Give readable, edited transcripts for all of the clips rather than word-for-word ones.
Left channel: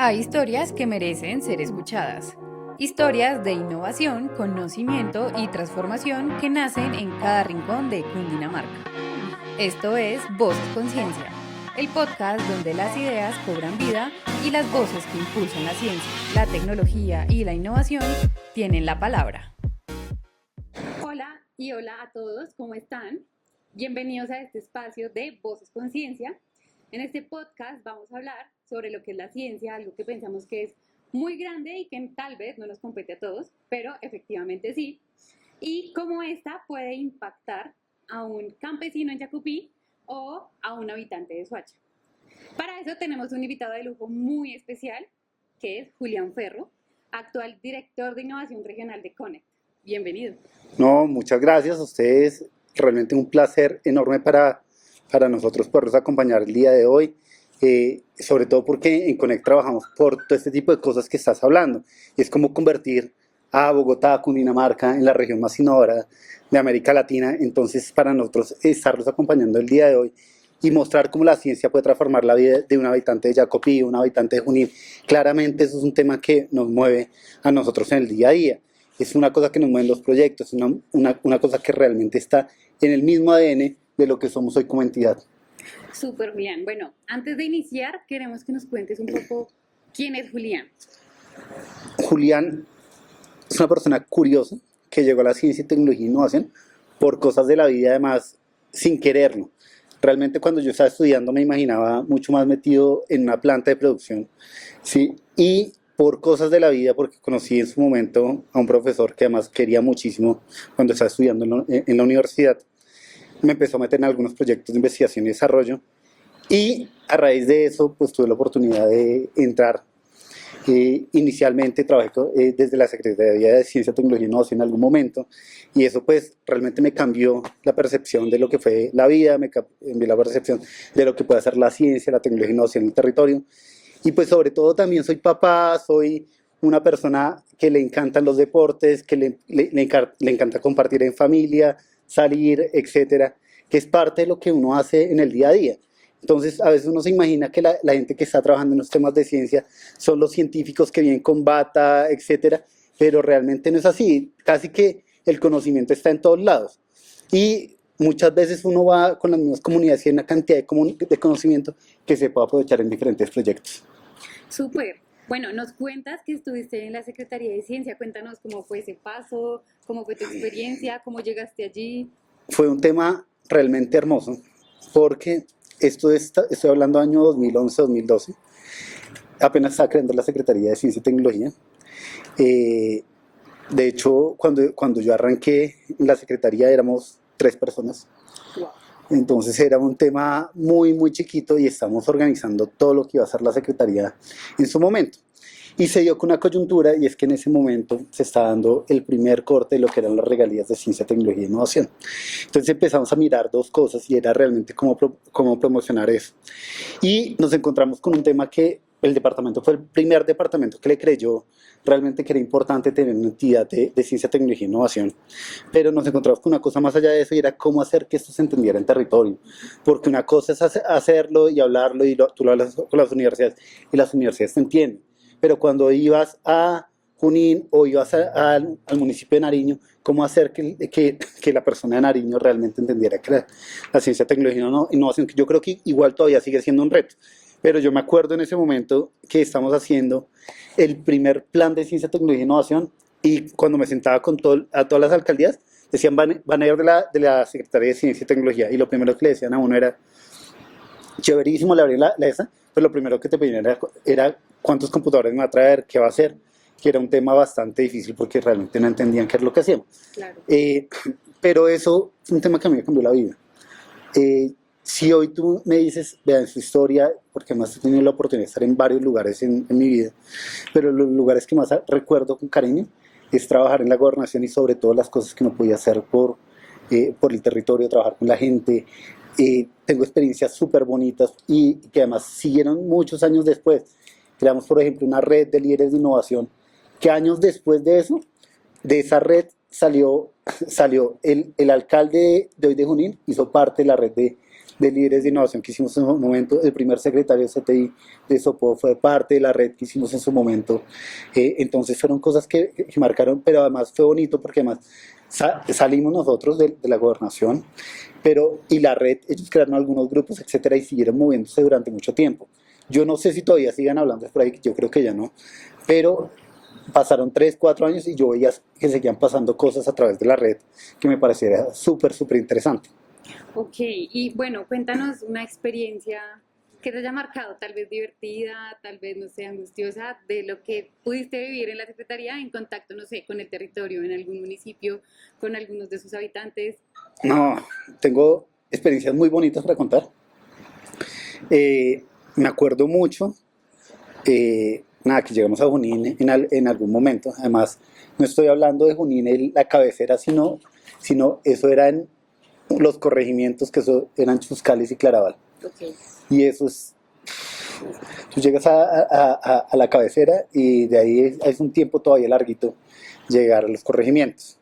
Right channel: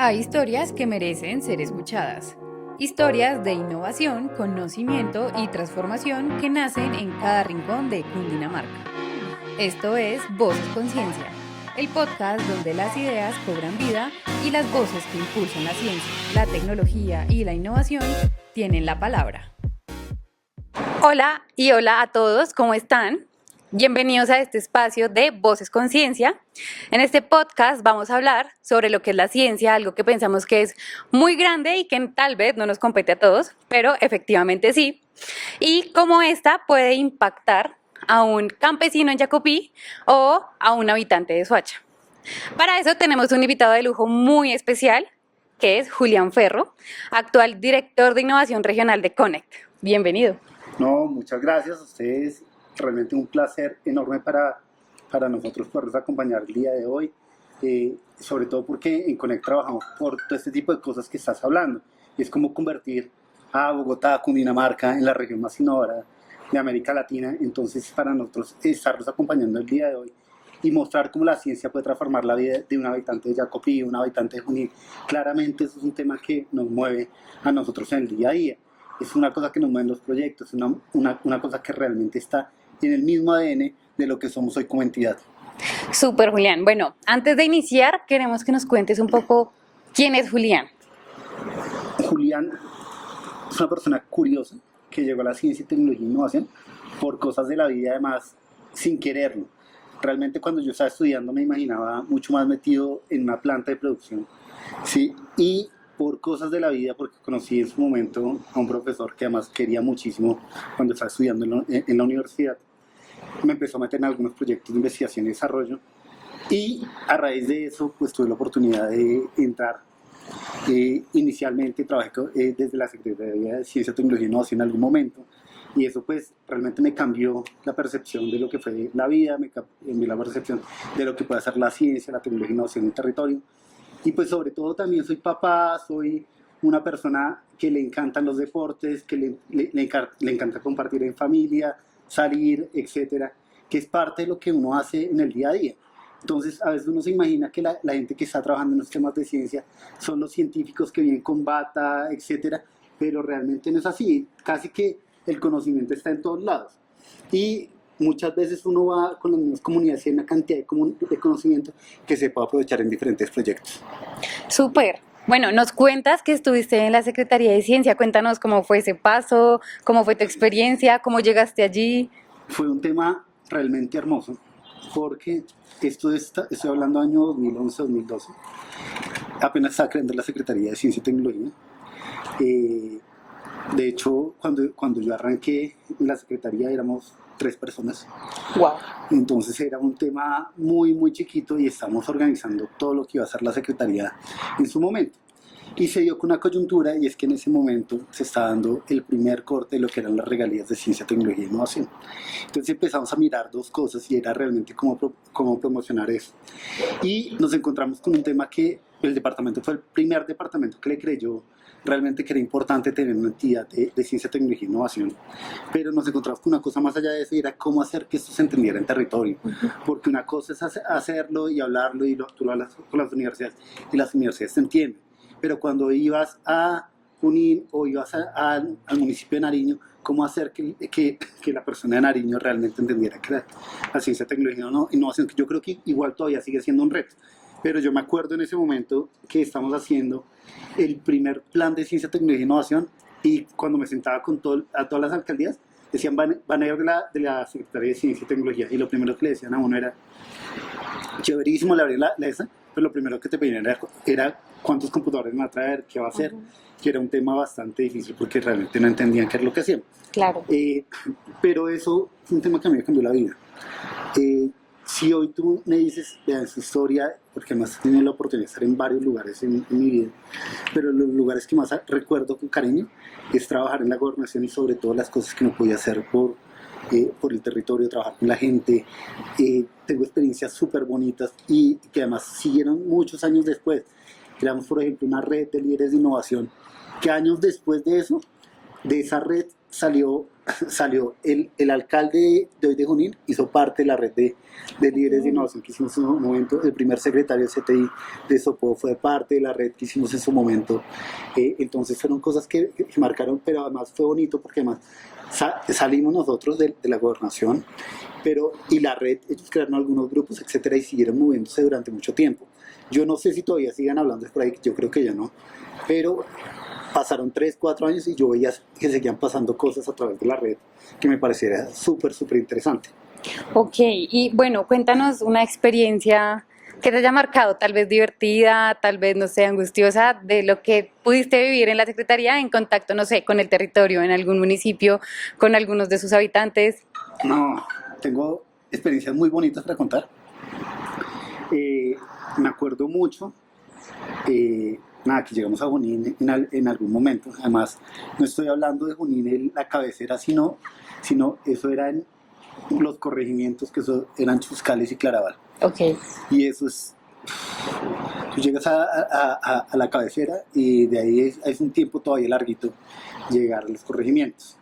Hay historias que merecen ser escuchadas. Historias de innovación, conocimiento y transformación que nacen en cada rincón de Cundinamarca. Esto es Voces Conciencia, el podcast donde las ideas cobran vida y las voces que impulsan la ciencia, la tecnología y la innovación tienen la palabra. Hola y hola a todos, ¿cómo están? Bienvenidos a este espacio de Voces Conciencia. En este podcast vamos a hablar sobre lo que es la ciencia, algo que pensamos que es muy grande y que tal vez no nos compete a todos, pero efectivamente sí, y cómo esta puede impactar a un campesino en Jacopí o a un habitante de Soacha. Para eso tenemos un invitado de lujo muy especial, que es Julián Ferro, actual director de innovación regional de Connect. Bienvenido. No, muchas gracias a ustedes. Realmente un placer enorme para nosotros poderlos acompañar el día de hoy. Sobre todo porque en Connect trabajamos por todo este tipo de cosas que estás hablando. Es como convertir a Bogotá, Cundinamarca, en la región más innovadora de América Latina. Entonces, para nosotros estarlos acompañando el día de hoy y mostrar cómo la ciencia puede transformar la vida de un habitante de Jacopí, un habitante de Junín, claramente eso es un tema que nos mueve a nosotros en el día a día. Es una cosa que nos mueven los proyectos, una cosa que realmente está en el mismo ADN de lo que somos hoy como entidad. Súper, Julián. Bueno, antes de iniciar, queremos que nos cuentes un poco quién es Julián. Julián es una persona curiosa que llegó a la ciencia, tecnología e innovación por cosas de la vida, además, sin quererlo. Realmente cuando yo estaba estudiando me imaginaba mucho más metido en una planta de producción, ¿sí? Y por cosas de la vida, porque conocí en su momento a un profesor que además quería muchísimo cuando estaba estudiando en la universidad, me empezó a meter en algunos proyectos de investigación y desarrollo, y a raíz de eso pues tuve la oportunidad de entrar. Inicialmente trabajé desde la Secretaría de Ciencia, Tecnología e Innovación en algún momento, y eso pues realmente me cambió la percepción de lo que fue la vida, me cambió la percepción de lo que puede hacer la ciencia, la tecnología e innovación en el territorio. Y pues sobre todo también soy papá, soy una persona que le encantan los deportes, que le encanta compartir en familia, salir, etcétera, que es parte de lo que uno hace en el día a día. Entonces, a veces uno se imagina que la gente que está trabajando en los temas de ciencia son los científicos que vienen con bata, etcétera, pero realmente no es así. Casi que el conocimiento está en todos lados. Y muchas veces uno va con las mismas comunidades y hay una cantidad de conocimiento que se puede aprovechar en diferentes proyectos. Súper. Bueno, nos cuentas que estuviste en la Secretaría de Ciencia. Cuéntanos cómo fue ese paso, cómo fue tu experiencia, cómo llegaste allí. Fue un tema realmente hermoso, porque estoy hablando año 2011-2012, apenas estaba creando la Secretaría de Ciencia y Tecnología. De hecho, cuando yo arranqué en la Secretaría éramos 3 personas. Wow. Entonces era un tema muy, muy chiquito y estamos organizando todo lo que iba a hacer la Secretaría en su momento. Y se dio con una coyuntura, y es que en ese momento se está dando el primer corte de lo que eran las regalías de ciencia, tecnología e innovación. Entonces empezamos a mirar dos cosas y era realmente cómo promocionar eso. Y nos encontramos con un tema que el departamento fue el primer departamento que le creyó realmente que era importante tener una entidad de ciencia, tecnología e innovación. Pero nos encontramos con una cosa más allá de eso y era cómo hacer que esto se entendiera en territorio. Porque una cosa es hacerlo y hablarlo y tú lo hablas con las universidades y las universidades te entienden. Pero cuando ibas a Junín o ibas al municipio de Nariño, cómo hacer que la persona de Nariño realmente entendiera que la ciencia, tecnología e innovación, que yo creo que igual todavía sigue siendo un reto. Pero yo me acuerdo en ese momento que estamos haciendo el primer plan de ciencia, tecnología e innovación, y cuando me sentaba con a todas las alcaldías, decían van a ir de la Secretaría de Ciencia y Tecnología, y lo primero que le decían a uno era, chéverísimo le abrí la esa, pero lo primero que te pedían era cuántos computadores me va a traer, qué va a hacer, que era un tema bastante difícil porque realmente no entendían qué es lo que hacíamos. Claro. Pero eso fue un tema que a mí me cambió la vida. Si hoy tú me dices, vean su historia, porque más he tenido la oportunidad de estar en varios lugares en mi vida, pero los lugares que más recuerdo con cariño es trabajar en la gobernación y sobre todo las cosas que no podía hacer por el territorio, trabajar con la gente. Tengo experiencias súper bonitas y que además siguieron muchos años después. Creamos, por ejemplo, una red de líderes de innovación que años después de eso, de esa red, salió el alcalde de hoy de Junín, hizo parte de la red de líderes de innovación que hicimos en su momento. El primer secretario de CTI de Sopó fue parte de la red que hicimos en su momento. Entonces fueron cosas que marcaron, pero además fue bonito porque además salimos nosotros de la gobernación, y la red, ellos crearon algunos grupos, etcétera, y siguieron moviéndose durante mucho tiempo. Yo no sé si todavía sigan hablando por ahí, yo creo que ya no, pero pasaron 3, 4 años y yo veía que seguían pasando cosas a través de la red que me pareciera súper, súper interesante. Ok, y bueno, cuéntanos una experiencia que te haya marcado, tal vez divertida, tal vez, no sé, angustiosa, de lo que pudiste vivir en la Secretaría en contacto, no sé, con el territorio, en algún municipio, con algunos de sus habitantes. No, tengo experiencias muy bonitas para contar. Me acuerdo mucho, nada, que llegamos a Junín en algún momento. Además, no estoy hablando de Junín, la cabecera, sino eso eran los corregimientos, que eso eran Chuscalis y Claraval. Ok. Y eso es, tú llegas a la cabecera y de ahí es un tiempo todavía larguito llegar a los corregimientos.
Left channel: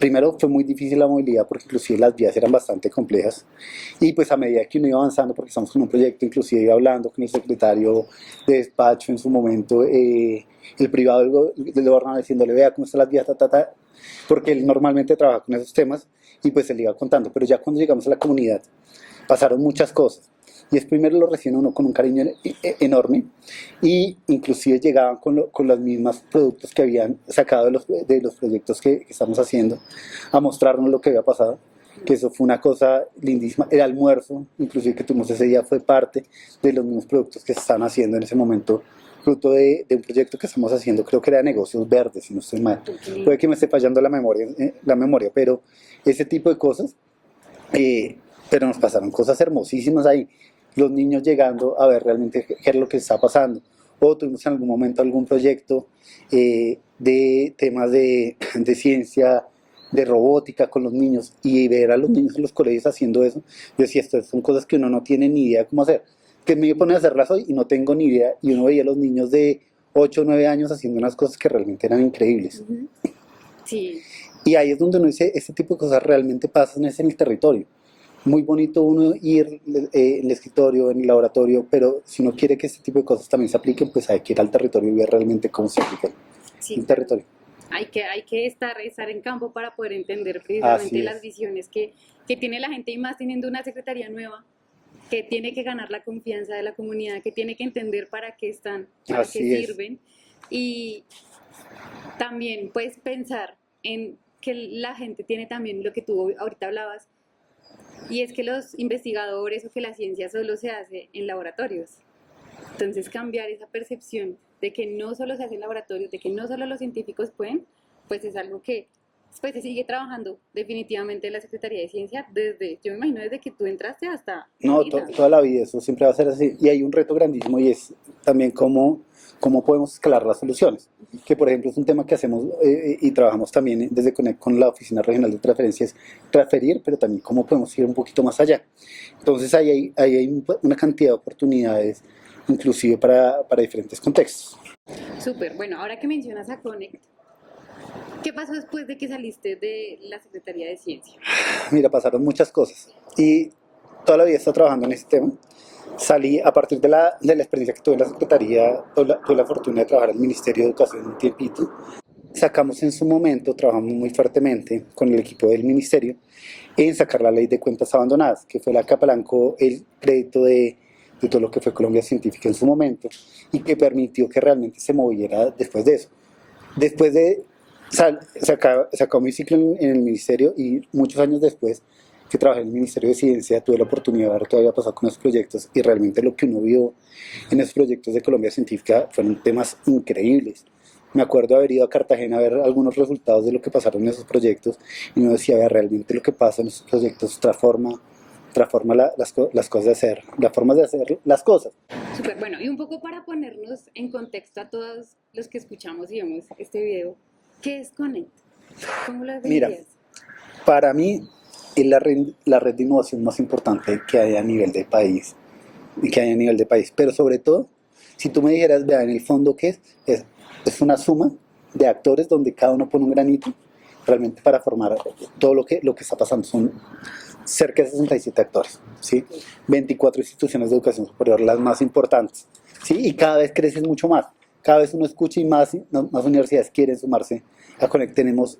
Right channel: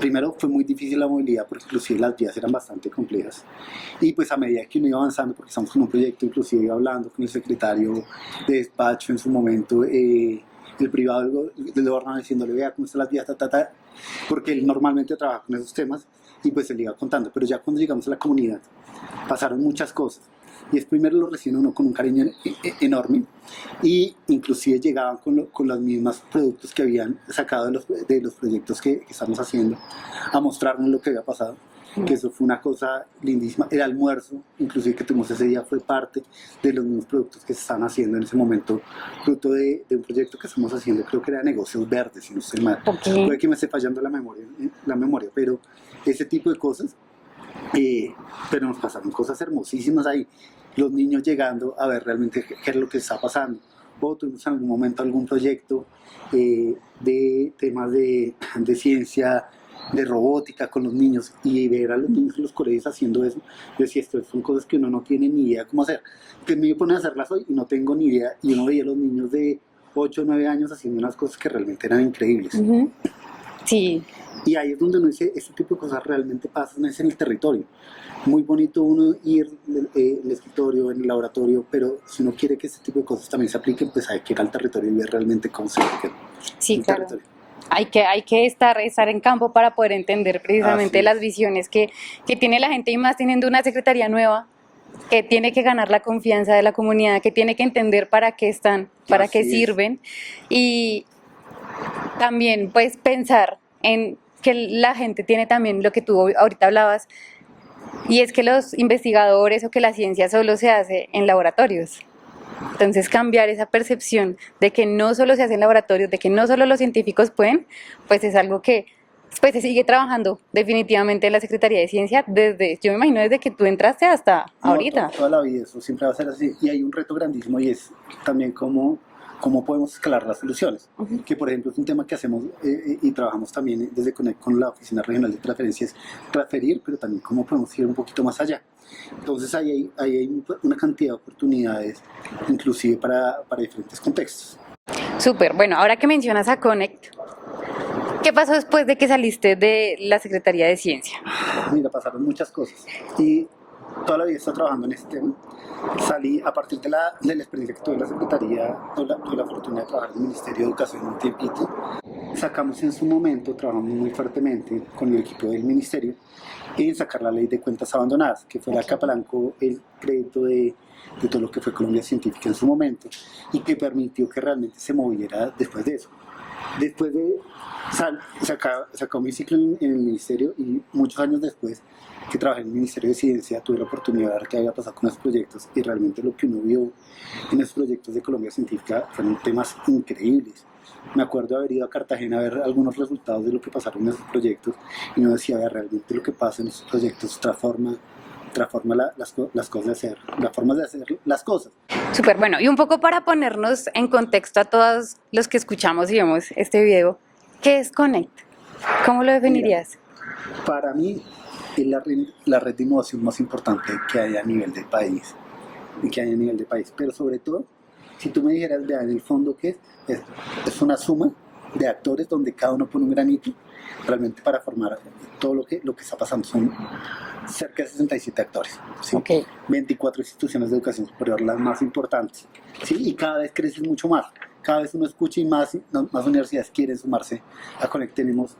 Primero fue muy difícil la movilidad porque inclusive las vías eran bastante complejas, y pues a medida que uno iba avanzando, porque estamos con un proyecto, inclusive iba hablando con el secretario de despacho en su momento, el privado del gobernador, diciéndole, vea cómo están las vías, porque él normalmente trabaja con esos temas, y pues él iba contando. Pero ya cuando llegamos a la comunidad pasaron muchas cosas, y es primero lo reciben uno con un cariño enorme, y inclusive llegaban con los mismos productos que habían sacado de los proyectos que estamos haciendo, a mostrarnos lo que había pasado, que eso fue una cosa lindísima. El almuerzo, inclusive, que tuvimos ese día, fue parte de los mismos productos que se están haciendo en ese momento, fruto de un proyecto que estamos haciendo, creo que era de negocios verdes, si no estoy mal. Okay. Puede que me esté fallando la memoria, pero ese tipo de cosas. Pero nos pasaron cosas hermosísimas ahí, los niños llegando a ver realmente qué es lo que está pasando. O tuvimos en algún momento algún proyecto de temas de ciencia, de robótica con los niños, y ver a los niños en los colegios haciendo eso. Yo decía, esto son cosas que uno no tiene ni idea cómo hacer, que me pone a hacerlas hoy y no tengo ni idea, y uno veía a los niños de 8 o 9 años haciendo unas cosas que realmente eran increíbles. Uh-huh. Sí. Y ahí es donde uno dice, este tipo de cosas realmente pasan es en el territorio. Muy bonito uno ir en el escritorio, en el laboratorio, pero si uno quiere que este tipo de cosas también se apliquen, pues hay que ir al territorio y ver realmente cómo se aplican Sí, en el claro. territorio. Hay que estar en campo para poder entender precisamente las visiones que tiene la gente, y más teniendo una secretaría nueva que tiene que ganar la confianza de la comunidad, que tiene que entender para qué están, para qué sirven, y también pues pensar en que la gente tiene también lo que tú ahorita hablabas, y es que los investigadores o que la ciencia solo se hace en laboratorios. Entonces cambiar esa percepción de que no solo se hace en laboratorios, de que no solo los científicos pueden, pues es algo que pues se sigue trabajando definitivamente en la Secretaría de Ciencia yo me imagino desde que tú entraste hasta ahorita. Toda la vida, eso siempre va a ser así. Y hay un reto grandísimo, y es también cómo podemos escalar las soluciones. Uh-huh. Que por ejemplo es un tema que hacemos y trabajamos también desde Conect con la Oficina Regional de Transferencias, transferir, pero también cómo podemos ir un poquito más allá. Entonces ahí hay una cantidad de oportunidades, inclusive para diferentes contextos. Súper, bueno, ahora que mencionas a Conect, ¿qué pasó después de que saliste de la Secretaría de Ciencia? Mira, pasaron muchas cosas y toda la vida he estado trabajando en este tema. Salí a partir de la experiencia que tuve en la Secretaría, tuve la fortuna de trabajar en el Ministerio de Educación un tiempito. Sacamos en su momento, trabajamos muy fuertemente con el equipo del Ministerio en sacar la ley de cuentas abandonadas, que fue la que apalancó el crédito de todo lo que fue Colombia Científica en su momento, y que permitió que realmente se moviera después de eso. Después de sacó mi ciclo en el Ministerio, y muchos años después que trabajé en el Ministerio de Ciencia, tuve la oportunidad de ver qué había pasado con esos proyectos, y realmente lo que uno vio en esos proyectos de Colombia Científica fueron temas increíbles. Me acuerdo de haber ido a Cartagena a ver algunos resultados de lo que pasaron en esos proyectos, y uno decía, ver, realmente lo que pasa en esos proyectos transforma las cosas de hacer, las formas de hacer las cosas. Súper, bueno, y un poco para ponernos en contexto a todos los que escuchamos y vemos este video, ¿qué es Conect? ¿Cómo lo definirías? Mira, para mí es la red de innovación más importante que hay a nivel del país, pero sobre todo, si tú me dijeras, vea, en el fondo, ¿qué es? Es una suma de actores donde cada uno pone un granito realmente para formar todo lo que está pasando. Son cerca de 67 actores, ¿sí? Ok. 24 instituciones de educación superior, las más importantes, ¿sí? Y cada vez crecen mucho más. Cada vez uno escucha y más universidades quieren sumarse a Connect. Tenemos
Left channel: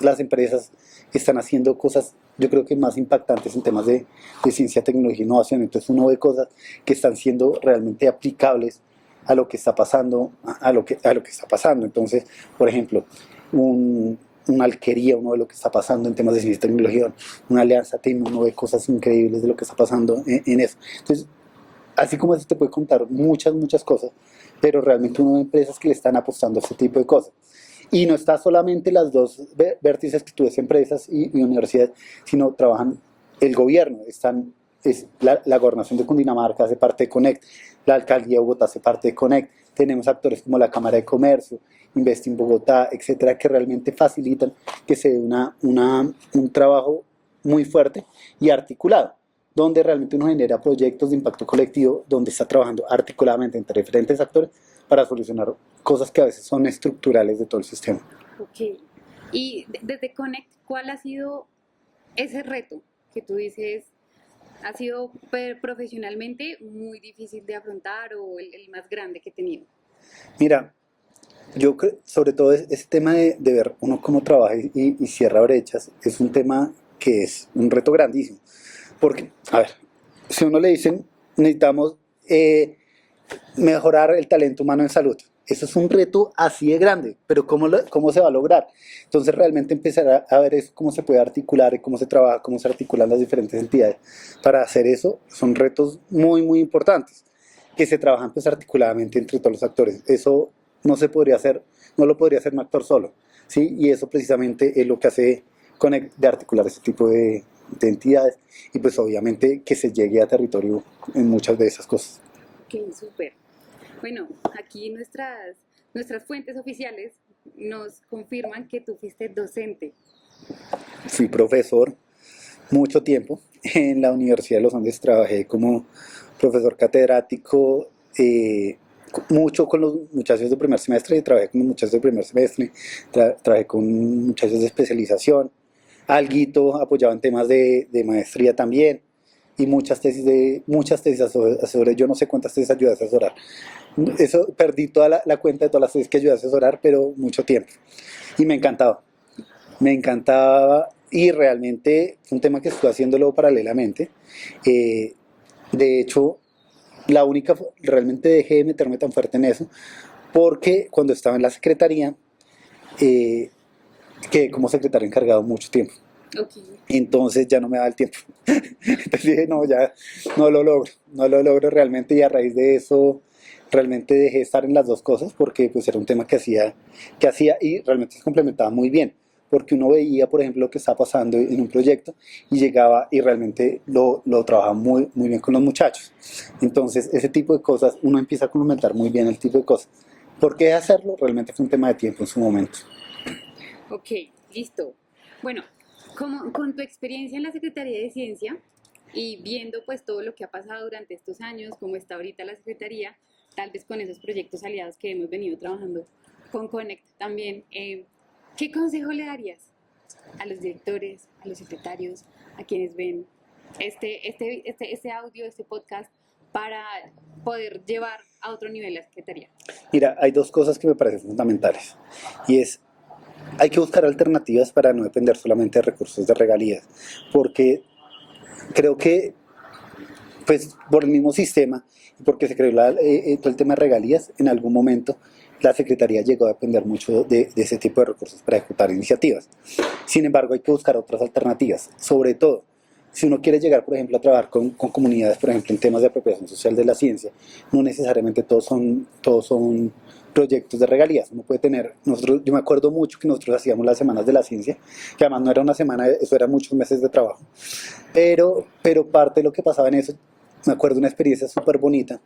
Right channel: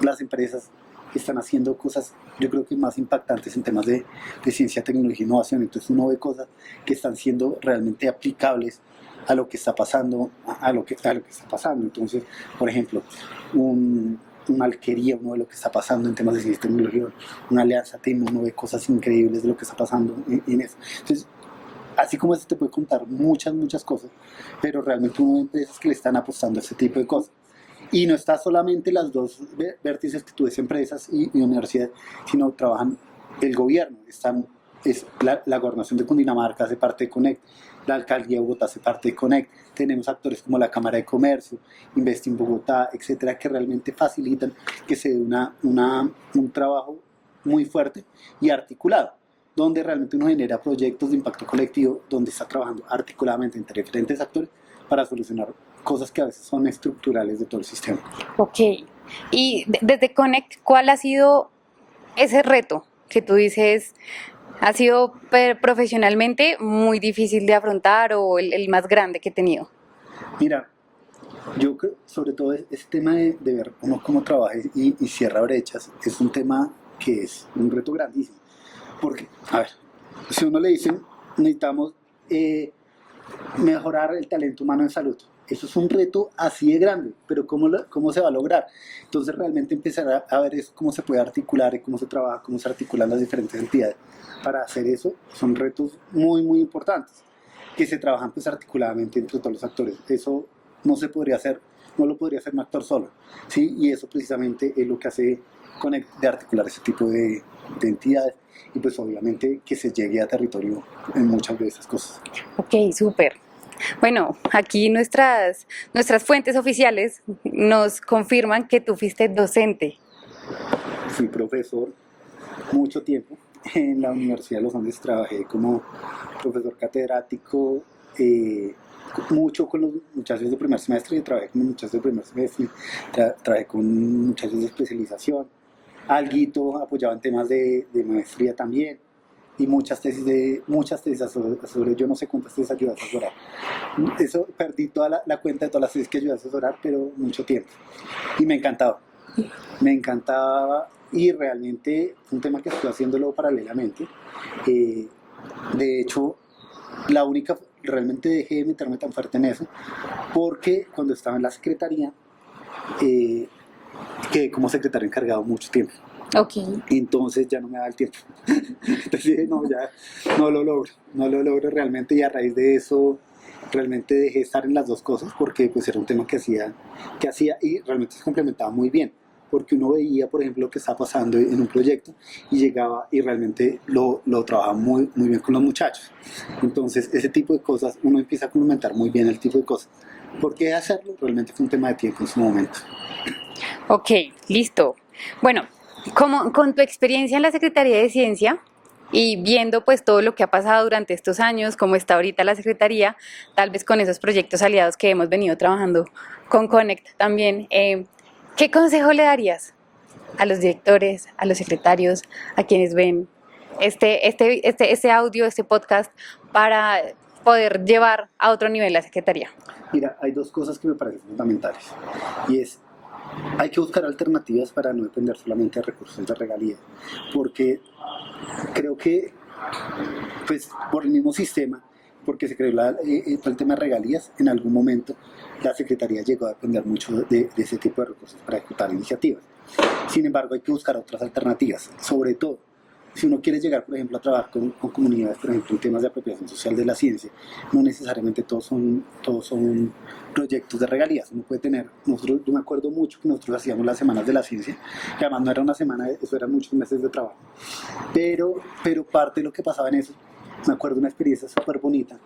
las empresas que están haciendo cosas, yo creo que más impactantes en temas de ciencia, tecnología e innovación. Entonces uno ve cosas que están siendo realmente aplicables a lo que está pasando, a lo que está pasando. Entonces, por ejemplo, una alquería, uno ve lo que está pasando en temas de ciencia y tecnología, una alianza TIM, uno ve cosas increíbles de lo que está pasando en eso. Entonces, así como eso te puede contar muchas cosas, pero realmente uno ve empresas que le están apostando a este tipo de cosas. Y no está solamente las dos vértices que tú ves, empresas y universidades, sino trabajan el gobierno, es la gobernación de Cundinamarca hace parte de Connect, la alcaldía de Bogotá hace parte de Connect, tenemos actores como la Cámara de Comercio, Investing Bogotá, etcétera, que realmente facilitan que se dé un trabajo muy fuerte y articulado, donde realmente uno genera proyectos de impacto colectivo, donde está trabajando articuladamente entre diferentes actores para solucionar cosas que a veces son estructurales de todo el sistema. Ok. Y desde Connect, ¿cuál ha sido ese reto que tú dices ha sido profesionalmente muy difícil de afrontar o el más grande que he tenido? Mira, yo creo, sobre todo ese tema de ver uno cómo trabaja y cierra brechas, es un tema que es un reto grandísimo. Porque, a ver, si a uno le dicen, necesitamos mejorar el talento humano en salud. Eso es un reto así de grande, pero ¿cómo se va a lograr? Entonces realmente empezar a ver eso, cómo se puede articular y cómo se trabaja, cómo se articulan las diferentes entidades. Para hacer eso son retos muy importantes, que se trabajan pues articuladamente entre todos los actores. Eso no se podría hacer, no lo podría hacer un actor solo, ¿sí? Y eso precisamente es lo que hace de articular ese tipo de entidades y pues obviamente que se llegue a territorio en muchas de esas cosas. Ok, súper. Bueno, aquí nuestras fuentes oficiales nos confirman que tú fuiste docente. Fui profesor mucho tiempo en la Universidad de los Andes, trabajé como profesor catedrático, mucho con los muchachos de primer semestre, trabajé con los muchachos de primer semestre, trabajé con muchachos de especialización, alguito apoyaba en temas de maestría también, y muchas tesis asesoré, yo no sé cuántas tesis ayudé a asesorar. Eso, perdí toda la cuenta de todas las tesis que ayudé a asesorar, pero mucho tiempo. Y me encantaba y realmente fue un tema que estoy haciéndolo paralelamente. Eh, de hecho, realmente dejé de meterme tan fuerte en eso, porque cuando estaba en la secretaría, eh, quedé como secretario encargado mucho tiempo. Ok. Y entonces ya no me daba el tiempo. Entonces dije, no, ya no lo logro realmente y a raíz de eso realmente dejé de estar en las dos cosas porque pues era un tema que hacía y realmente se complementaba muy bien. Porque uno veía, por ejemplo, lo que estaba pasando en un proyecto y llegaba y realmente lo trabajaba muy bien con los muchachos. Entonces, ese tipo de cosas, uno empieza a complementar muy bien el tipo de cosas. ¿Por qué hacerlo? Realmente fue un tema de tiempo en su momento. Ok, listo. Bueno, como con tu experiencia en la Secretaría de Ciencia y viendo pues todo lo que ha pasado durante estos años, cómo está ahorita la Secretaría, tal vez con esos proyectos aliados que hemos venido trabajando con Connect también, ¿qué consejo le darías a los directores, a los secretarios, a quienes ven este audio, este podcast para poder llevar a otro nivel la Secretaría? Mira, hay dos cosas que me parecen fundamentales y es hay que buscar alternativas para no depender solamente de recursos de regalías, porque creo que pues por el mismo sistema, porque se creó todo el tema de regalías, en algún momento la Secretaría llegó a depender mucho de ese tipo de recursos para ejecutar iniciativas. Sin embargo, hay que buscar otras alternativas, sobre todo si uno quiere llegar, por ejemplo, a trabajar con comunidades, por ejemplo, en temas de apropiación social de la ciencia, no necesariamente todos son proyectos de regalías. Uno puede tener, yo me acuerdo mucho que nosotros hacíamos las semanas de la ciencia, que además no era una semana, eso eran muchos meses de trabajo. Pero parte de lo que pasaba en eso, me acuerdo de una experiencia súper bonita,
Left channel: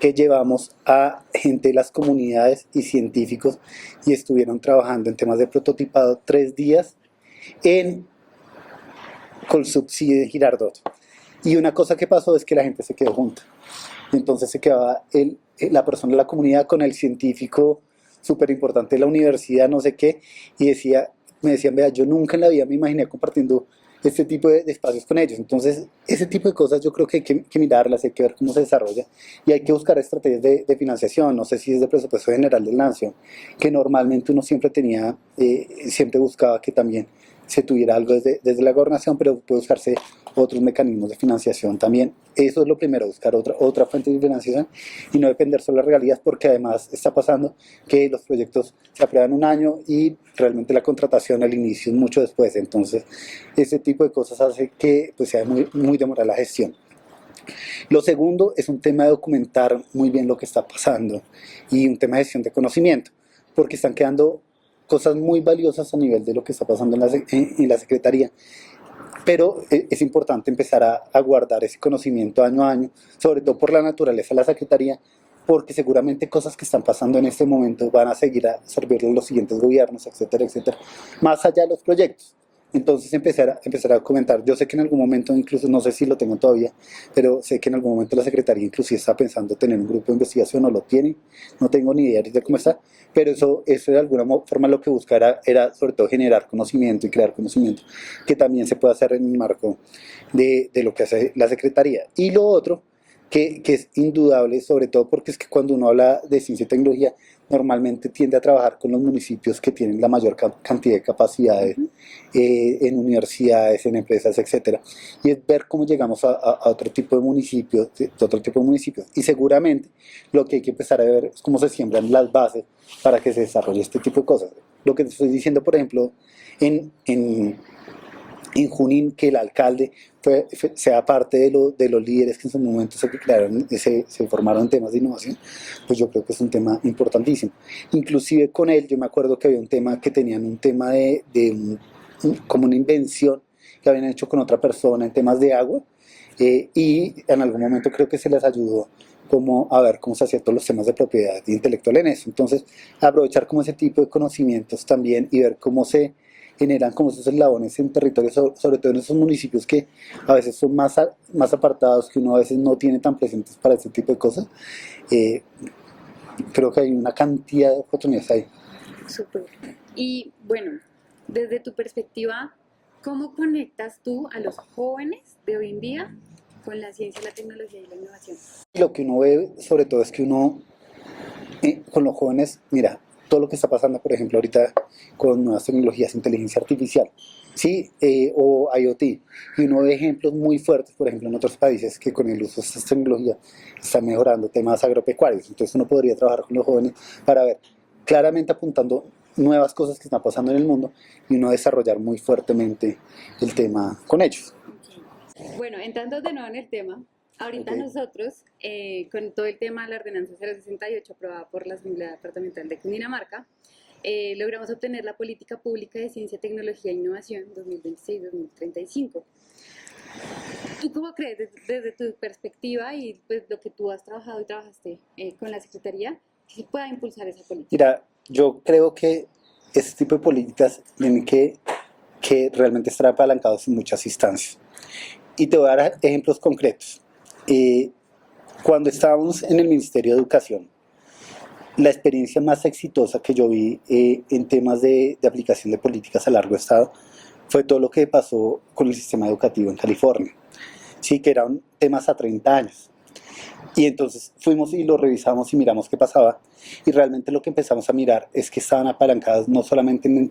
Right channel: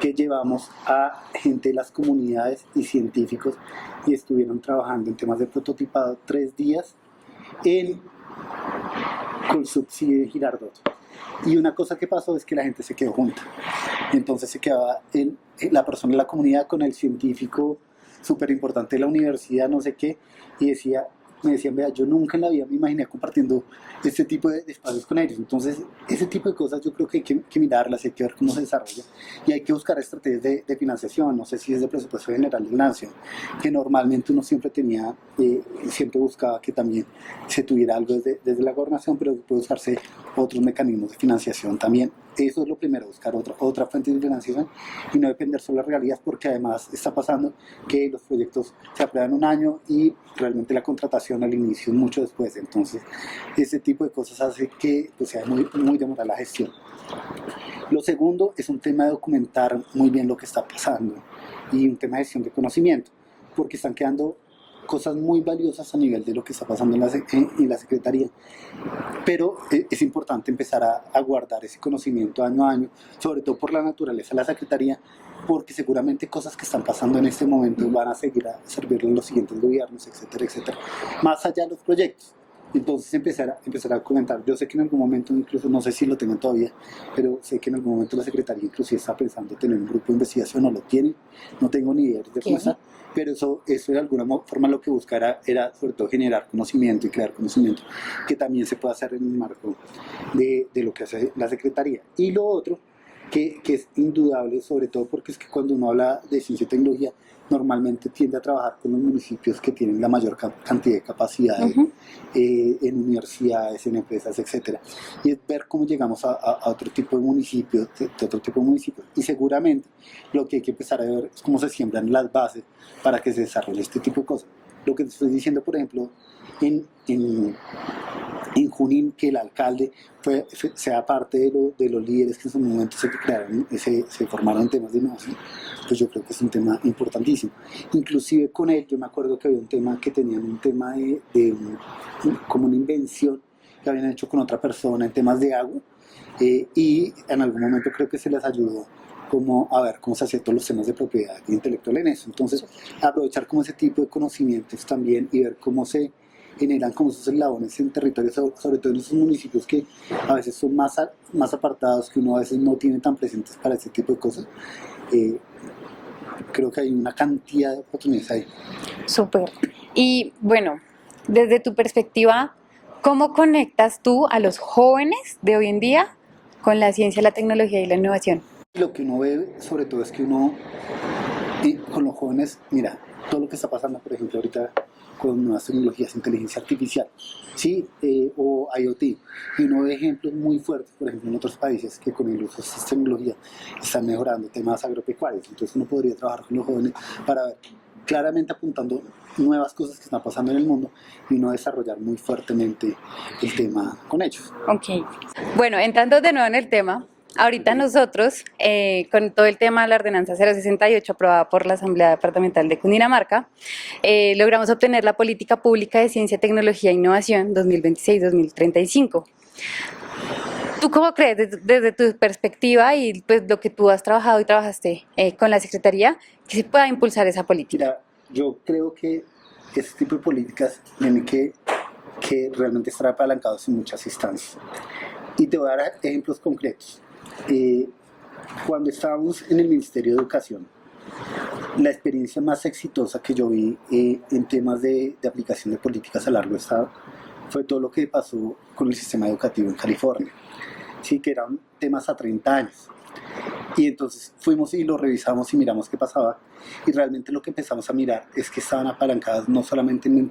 que llevamos a gente de las comunidades y científicos y estuvieron trabajando en temas de prototipado 3 días en con subsidio de Girardot. Y una cosa que pasó es que la gente se quedó junta. Y entonces se quedaba la persona de la comunidad con el científico súper importante de la universidad, no sé qué, y me decían, vea, yo nunca en la vida me imaginé compartiendo este tipo de espacios con ellos. Entonces, ese tipo de cosas yo creo que hay que mirarlas, hay que ver cómo se desarrolla y hay que buscar estrategias de financiación. No sé si es de presupuesto general del Nacio, que normalmente uno siempre tenía, siempre buscaba que también se tuviera algo desde la gobernación, pero puede buscarse otros mecanismos de financiación también. Eso es lo primero, buscar otra fuente de financiación y no depender solo de regalías, porque además está pasando que los proyectos se aprueban un año y realmente la contratación al inicio es mucho después. Entonces, ese tipo de cosas hace que pues, sea muy demorada la gestión. Lo segundo es un tema de documentar muy bien lo que está pasando y un tema de gestión de conocimiento, porque están quedando cosas muy valiosas a nivel de lo que está pasando en la Secretaría, pero es importante empezar a guardar ese conocimiento año a año, sobre todo por la naturaleza de la Secretaría, porque seguramente cosas que están pasando en este momento van a seguir a servirle en los siguientes gobiernos, etcétera, etcétera, más allá de los proyectos. Entonces empezar a comentar. Yo sé que en algún momento, incluso no sé si lo tengan todavía, pero sé que en algún momento la Secretaría inclusive está pensando tener un grupo de investigación o lo tiene, no tengo ni idea de cómo está, pero eso de alguna forma lo que busca era sobre todo generar conocimiento y crear conocimiento que también se puede hacer en el marco de lo que hace la Secretaría. Y lo otro, que es indudable, sobre todo porque es que cuando uno habla de ciencia y tecnología, normalmente tiende a trabajar con los municipios que tienen la mayor cantidad de capacidades en universidades, en empresas, etcétera. Y es ver cómo llegamos a otro tipo de municipios, Y seguramente lo que hay que empezar a ver es cómo se siembran las bases para que se desarrolle este tipo de cosas. Lo que te estoy diciendo, por ejemplo, en Junín, que el alcalde sea parte de los líderes que en su momento se crearon, se formaron temas de innovación, pues yo creo que es un tema importantísimo. Inclusive con él, yo me acuerdo que había un tema que tenían un tema como una invención que habían hecho con otra persona en temas de agua, y en algún momento creo que se les ayudó como a ver cómo se hacían todos los temas de propiedad intelectual en eso. Entonces, aprovechar como ese tipo de conocimientos también y ver cómo se generan como esos eslabones en territorios, sobre todo en esos municipios que a veces son más apartados, que uno a veces no tiene tan presentes para este tipo de cosas. Eh, Creo que hay una cantidad de oportunidades ahí. Súper. Y bueno, desde tu perspectiva, ¿cómo conectas tú a los jóvenes de hoy en día con la ciencia, la tecnología y la innovación? Lo que uno ve sobre todo es que uno con los jóvenes, mira, todo lo que está pasando, por ejemplo, ahorita con nuevas tecnologías, inteligencia artificial, ¿sí? O IoT, y uno ve ejemplos muy fuertes, por ejemplo, en otros países que con el uso de estas tecnologías están mejorando temas agropecuarios. Entonces uno podría trabajar con los jóvenes para ver, claramente apuntando nuevas cosas que están pasando en el mundo y uno desarrollar muy fuertemente el tema con ellos. Ok. Bueno, entrando de nuevo en el tema, ahorita nosotros, con todo el tema de la ordenanza 068 aprobada por la Asamblea Departamental de Cundinamarca, logramos obtener la Política Pública de Ciencia, Tecnología e Innovación 2026-2035. ¿Tú cómo crees, desde tu perspectiva y pues lo que tú has trabajado y trabajaste con la Secretaría, que se pueda impulsar esa política? Mira, yo creo que este tipo de políticas tienen que realmente estar apalancados en muchas instancias. Y te voy a dar ejemplos concretos. Eh, Cuando estábamos en el Ministerio de Educación, la experiencia más exitosa que yo vi en temas de aplicación de políticas a largo estado fue todo lo que pasó con el sistema educativo en California. Sí, que eran temas a 30 años. Y entonces fuimos y lo revisamos y miramos qué pasaba. Y realmente lo que empezamos a mirar es que estaban apalancados no solamente en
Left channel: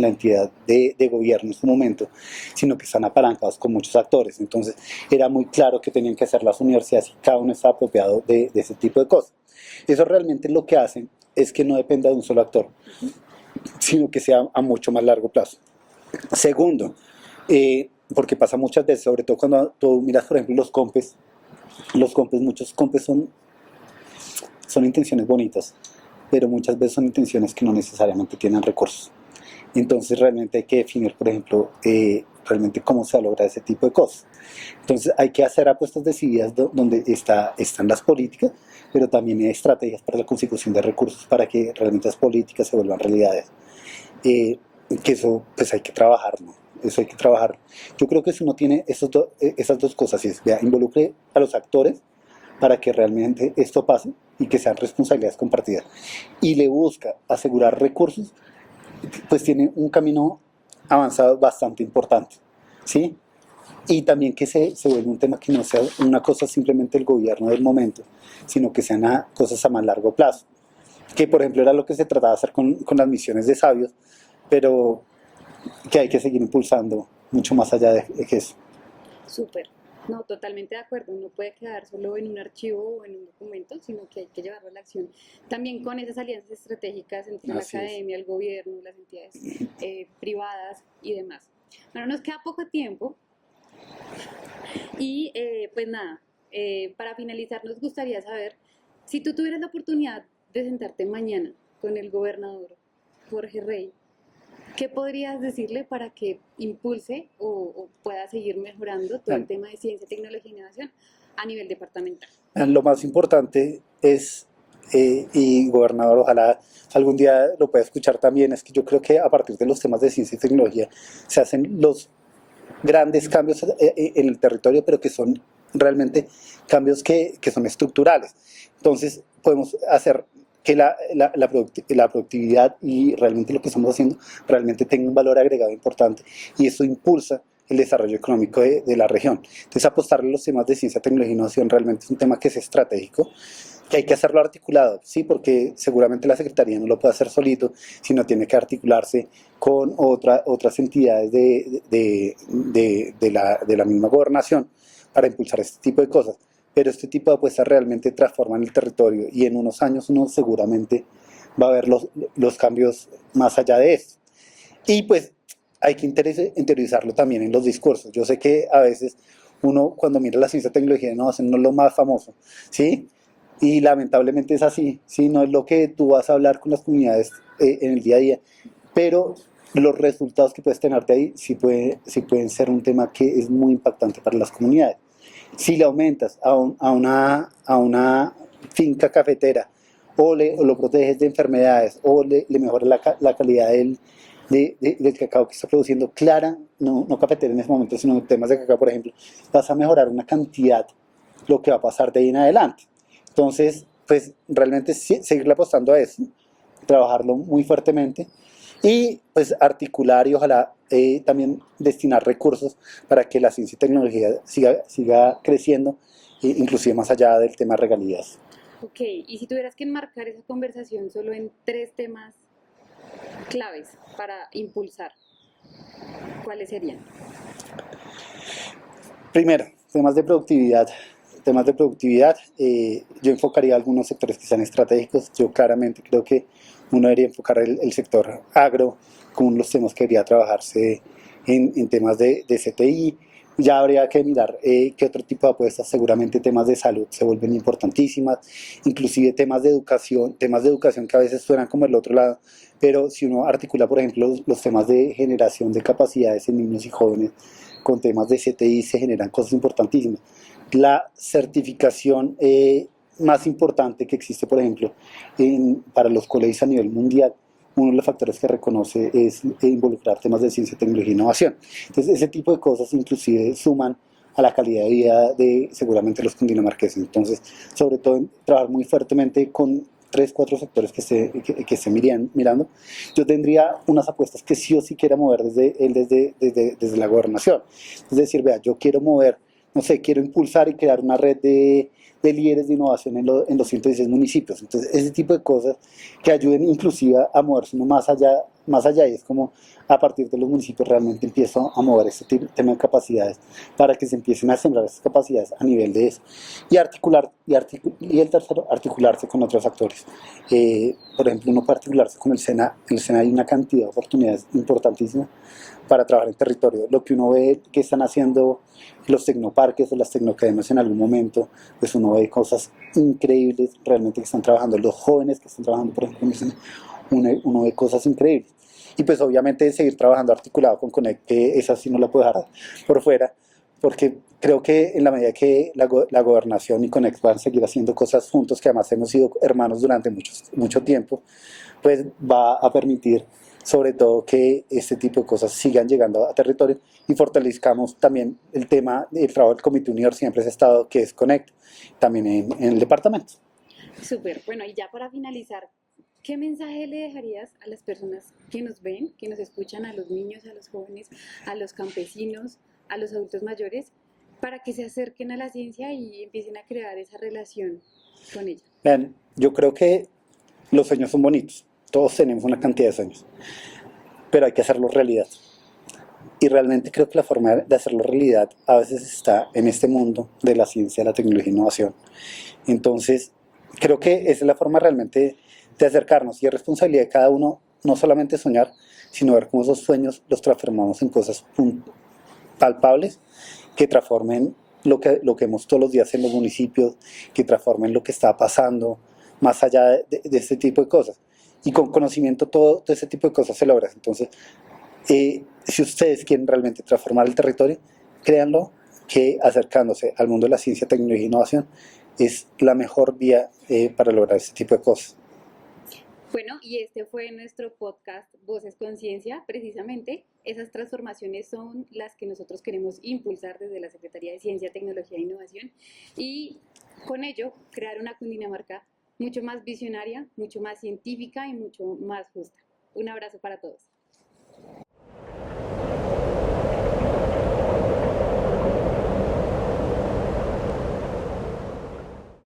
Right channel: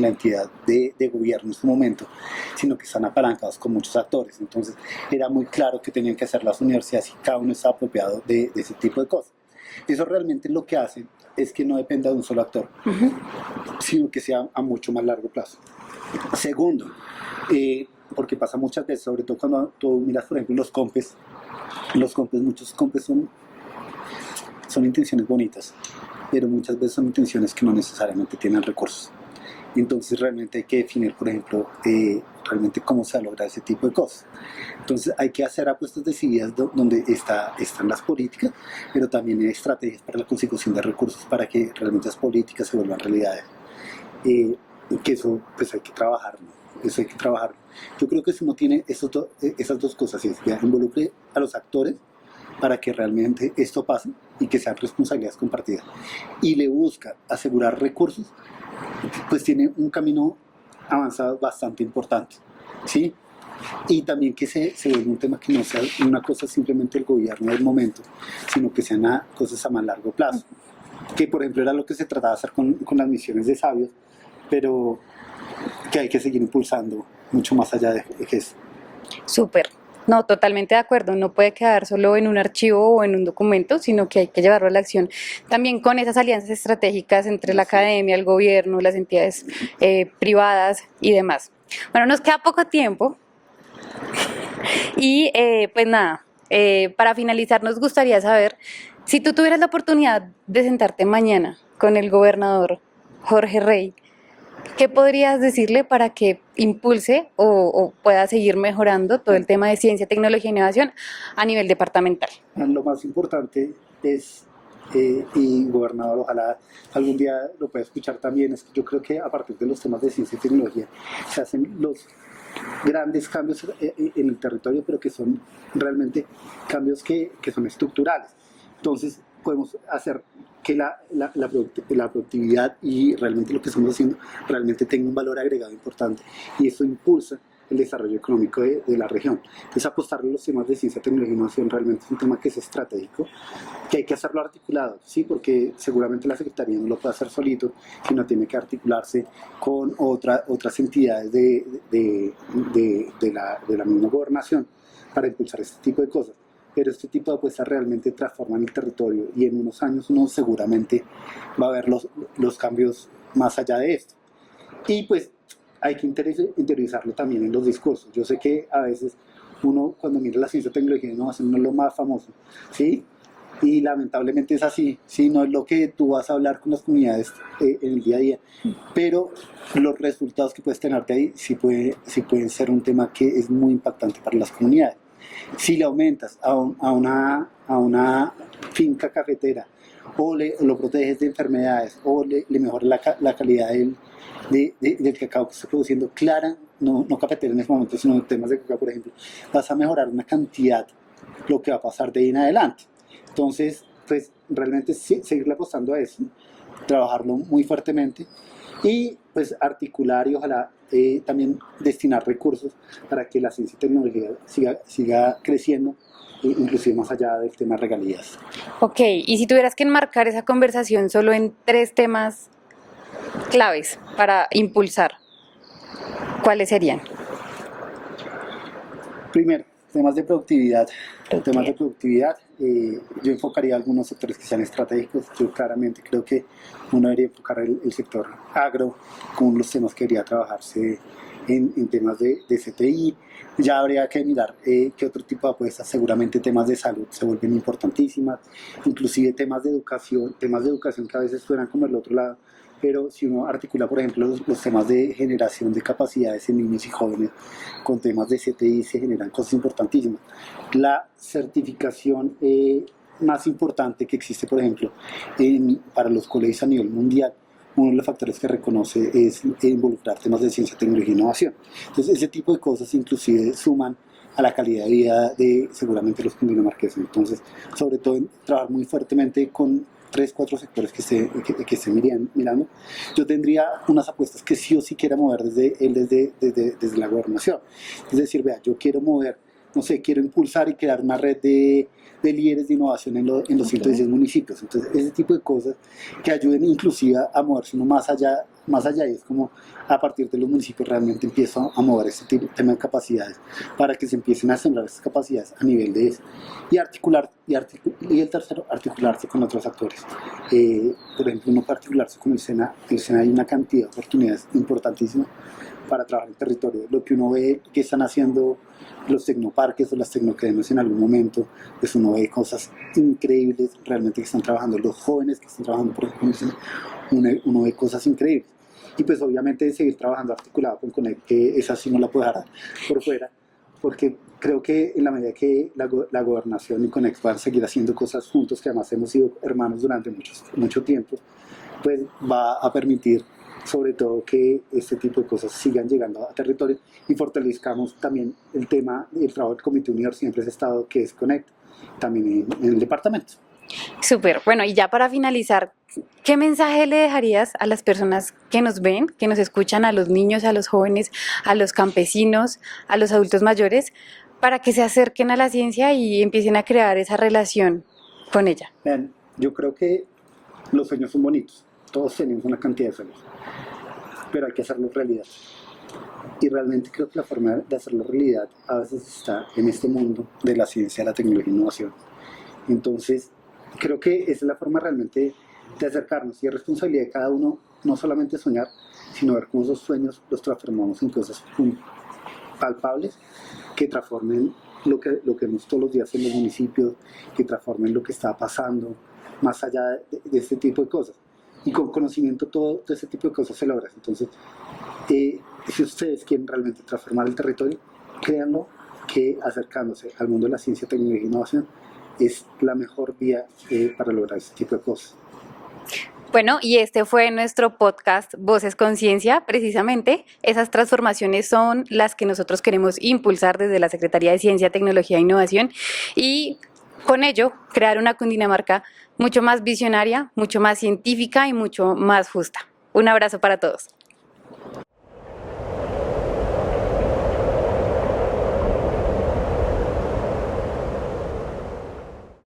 la entidad de gobierno en su momento, sino que están apalancados con muchos actores. Entonces era muy claro que tenían que hacer las universidades y cada uno está apropiado de ese tipo de cosas. Eso realmente lo que hace es que no dependa de un solo actor, sino que sea a mucho más largo plazo. Segundo, porque pasa muchas veces, sobre todo cuando tú miras, por ejemplo, muchos compes son intenciones bonitas, pero muchas veces son intenciones que no necesariamente tienen recursos. Entonces realmente hay que definir, por ejemplo, realmente cómo se logra ese tipo de cosas. Entonces hay que hacer apuestas decididas donde están las políticas, pero también hay estrategias para la consecución de recursos para que realmente las políticas se vuelvan realidades. Que eso pues hay que trabajarlo. Eso hay que trabajar. Yo creo que si uno tiene esas dos cosas, es involucre a los actores, para que realmente esto pase y que sean responsabilidades compartidas. Y le busca asegurar recursos, pues tiene un camino avanzado bastante importante, ¿sí? Y también que se vuelva un tema que no sea una cosa simplemente el gobierno del momento, sino que sean cosas a más largo plazo. Que por ejemplo era lo que se trataba de hacer con las misiones de sabios, pero que hay que seguir impulsando mucho más allá de eso. Súper. No, totalmente de acuerdo. No puede quedar solo en un archivo o en un documento, sino que hay que llevarlo a la acción. También con esas alianzas estratégicas entre la Así es. academia, el gobierno, las entidades privadas y demás. Bueno, nos queda poco tiempo y pues nada, para finalizar nos gustaría saber si tú tuvieras la oportunidad de sentarte mañana con el gobernador Jorge Rey, ¿qué podrías decirle para que impulse o pueda seguir mejorando todo el tema de ciencia, tecnología e innovación a nivel departamental? Lo más importante es, y gobernador, ojalá algún día lo pueda escuchar también, es que yo creo que a partir de los temas de ciencia y tecnología se hacen los grandes cambios en el territorio, pero que son realmente cambios que son estructurales. Entonces podemos hacer que la productividad y realmente lo que estamos haciendo realmente tenga un valor agregado importante, y eso impulsa el desarrollo económico de la región. Entonces apostarle a los temas de ciencia, tecnología e innovación realmente es un tema que es estratégico, que hay que hacerlo articulado, ¿sí? Porque seguramente la Secretaría no lo puede hacer solito, sino tiene que articularse con otras entidades de la misma gobernación para impulsar este tipo de cosas. Pero este tipo de apuestas realmente transforman el territorio, y en unos años uno seguramente va a ver los cambios más allá de esto. Y pues hay que interiorizarlo también en los discursos. Yo sé que a veces uno cuando mira la ciencia, tecnología y innovación no es lo más famoso, ¿sí? Y lamentablemente es así, ¿sí? No es lo que tú vas a hablar con las comunidades en el día a día, pero los resultados que puedes tener de ahí sí pueden ser un tema que es muy impactante para las comunidades. Si le aumentas a una finca cafetera, o lo proteges de enfermedades, o le mejoras la calidad del cacao que está produciendo, clara, no cafetera en ese momento, sino temas de cacao, por ejemplo, vas a mejorar una cantidad lo que va a pasar de ahí en adelante. Entonces, pues realmente seguirle apostando a eso, trabajarlo muy fuertemente, y pues articular y ojalá también destinar recursos para que la ciencia y tecnología siga creciendo, inclusive más allá del tema regalías. Ok, y si tuvieras que enmarcar esa conversación solo en 3 temas claves para impulsar, ¿cuáles serían? Primero, temas de productividad. Temas de productividad, yo enfocaría algunos sectores que sean estratégicos. Yo claramente creo que uno debería enfocar el sector agro como uno de los temas que debería trabajarse en temas de CTI. Ya habría que mirar qué otro tipo de apuestas. Seguramente temas de salud se vuelven importantísimas, inclusive temas de educación que a veces suenan como el otro lado, pero si uno articula, por ejemplo, los temas de generación de capacidades en niños y jóvenes con temas de CTI, se generan cosas importantísimas. La certificación más importante que existe, por ejemplo, para los colegios a nivel mundial, uno de los factores que reconoce es involucrar temas de ciencia, tecnología e innovación. Entonces, ese tipo de cosas inclusive suman a la calidad de vida de seguramente los cundinamarqueses. Entonces, sobre todo, trabajar muy fuertemente con 3, 4 sectores que estén mirando. Yo tendría unas apuestas que sí o sí quiera mover desde la gobernación. Es decir, vea, yo quiero mover, no sé, quiero impulsar y crear una red de líderes de innovación en los 116 municipios. Entonces, ese tipo de cosas que ayuden inclusive a moverse uno más allá, es como a partir de los municipios realmente empiezo a mover este tema de capacidades para que se empiecen a sembrar estas capacidades a nivel de eso. Y el tercero, articularse con otros actores. Por ejemplo, uno puede articularse con el SENA. El SENA hay una cantidad de oportunidades importantísimas para trabajar en territorio. Lo que uno ve que están haciendo los tecnoparques o las tecnoacademias en algún momento, pues uno ve cosas increíbles realmente que están trabajando. Los jóvenes que están trabajando, por ejemplo, uno ve cosas increíbles. Y pues obviamente seguir trabajando articulado con Conect, que esa sí no la puedo dejar por fuera, porque creo que en la medida que la gobernación y Conect van a seguir haciendo cosas juntos, que además hemos sido hermanos durante mucho tiempo, pues va a permitir sobre todo que este tipo de cosas sigan llegando a territorio y fortalezcamos también el tema del trabajo del Comité Universidad Empresa Estado, que es Connect, también en el departamento. Súper. Bueno, y ya para finalizar, ¿qué mensaje le dejarías a las personas que nos ven, que nos escuchan, a los niños, a los jóvenes, a los campesinos, a los adultos mayores, para que se acerquen a la ciencia y empiecen a crear esa relación con ella? Vean, yo creo que los sueños son bonitos, todos tenemos una cantidad de sueños, pero hay que hacerlos realidad. Y realmente creo que la forma de hacerlo realidad a veces está en este mundo de la ciencia, la tecnología e innovación. Entonces, creo que esa es la forma realmente de acercarnos y es responsabilidad de cada uno no solamente soñar, sino ver cómo esos sueños los transformamos en cosas palpables que transformen lo que vemos todos los días en los municipios, que transformen lo que está pasando más allá de este tipo de cosas. Y con conocimiento todo ese tipo de cosas se logra. Entonces, si ustedes quieren realmente transformar el territorio, créanlo que acercándose al mundo de la ciencia, tecnología e innovación es la mejor vía para lograr este tipo de cosas. Bueno, y este fue nuestro podcast Voces Conciencia. Precisamente esas transformaciones son las que nosotros queremos impulsar desde la Secretaría de Ciencia, Tecnología e Innovación y con ello crear una Cundinamarca mucho más visionaria, mucho más científica y mucho más justa. Un abrazo para todos.